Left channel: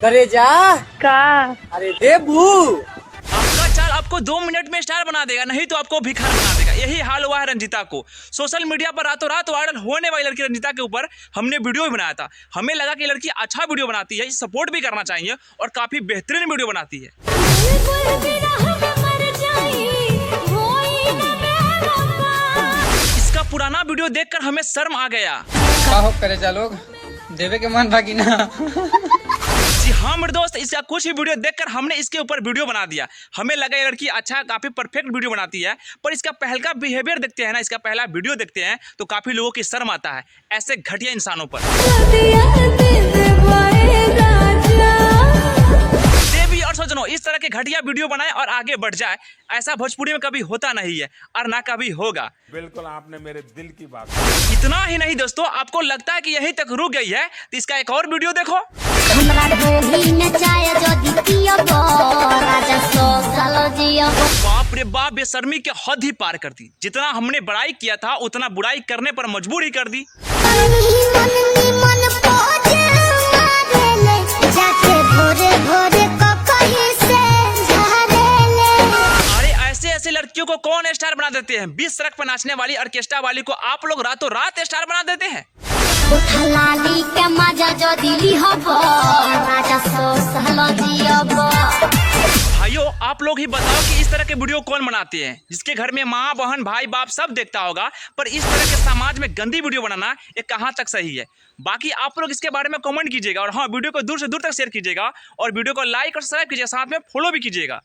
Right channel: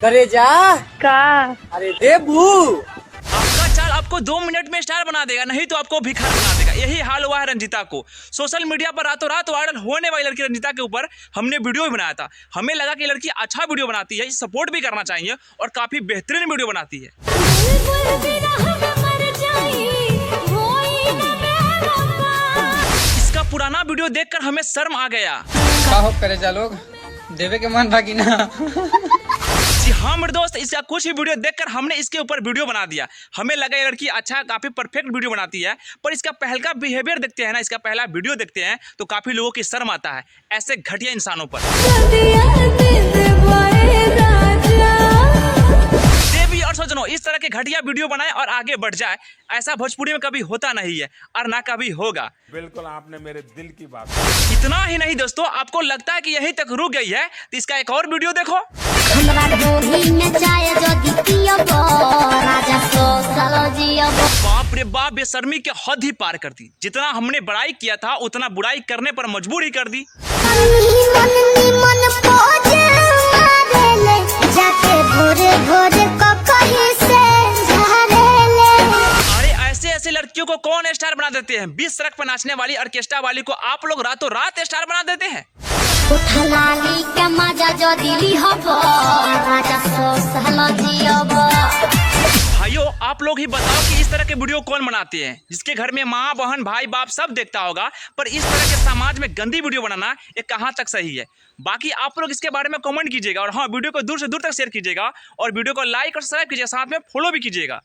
करे जा का अरे देबू आपका चाल आपको 2 मिनट में स्टार बना देगा, नहीं तो आपको भिखारी बना देगा। यही हाल हुआ है रंजीता को। सोशल मीडिया पर रातों रात वायरल होने वाली लड़की रंजीता के ऊपर हमने वीडियो भी बनाया था। हमें लगा कि लड़की अच्छा वीडियो बनाती है, सपोर्ट भी करना चाहिए और काफी बेहतरीन वीडियो बनाती है। इसका पुराना वीडियो देखकर हमें शर्म आ गया। का हो करे जा लोग देवे के मन भागी ना। जी हाँ मेरे दोस्त, इसका कुछ ही वीडियो देखकर हमने इसके ऊपर वीडियो बना दिया। हमें लगा ये लड़की अच्छा काफी परफेक्ट वीडियो बनाती है, पर इसका पहला बिहेवियर देखते हैं ना, इसका पहला वीडियो देखते हैं तो काफी लोगों की शर्म आता है ऐसे घटिया इंसानों पर। देवी और सज्जनों, इस तरह के घटिया वीडियो बनाए और आगे बढ़ जाए, ऐसा भोजपुरी में कभी होता नहीं है और ना कभी होगा। बिल्कुल आपने मेरे दिल की बात। इतना ही नहीं दोस्तों, आपको लगता है कि यहीं तक रुक गई है तो इसका एक और वीडियो देखो। बाप रे बाप, बेशर्मी के हद ही पार कर दी। जितना हमने बड़ाई किया था उतना बुराई करने पर मजबूर ही कर दी। अरे ऐसे लड़कियों को कौन स्टार बना देते हैं? 20 सड़क पर नाचने वाली ऑर्केस्ट्रा वाली को आप लोग रातों रात स्टार बना देते हैं। भाइयों आप लोग ही बताओ कि इस तरह के वीडियो कौन बनाते हैं, जिसके घर में माँ बहन भाई बाप सब देखता होगा, पर इस तरह के समाज में गंदी वीडियो बनाना ये कहाँ तक सही है? बाकी आप लोग इसके बारे में कमेंट कीजिएगा और हाँ, वीडियो को दूर से दूर तक शेयर कीजिएगा और वीडियो को लाइक और सब्सक्राइब कीजिएगा, साथ में फॉलो भी कीजिएगा।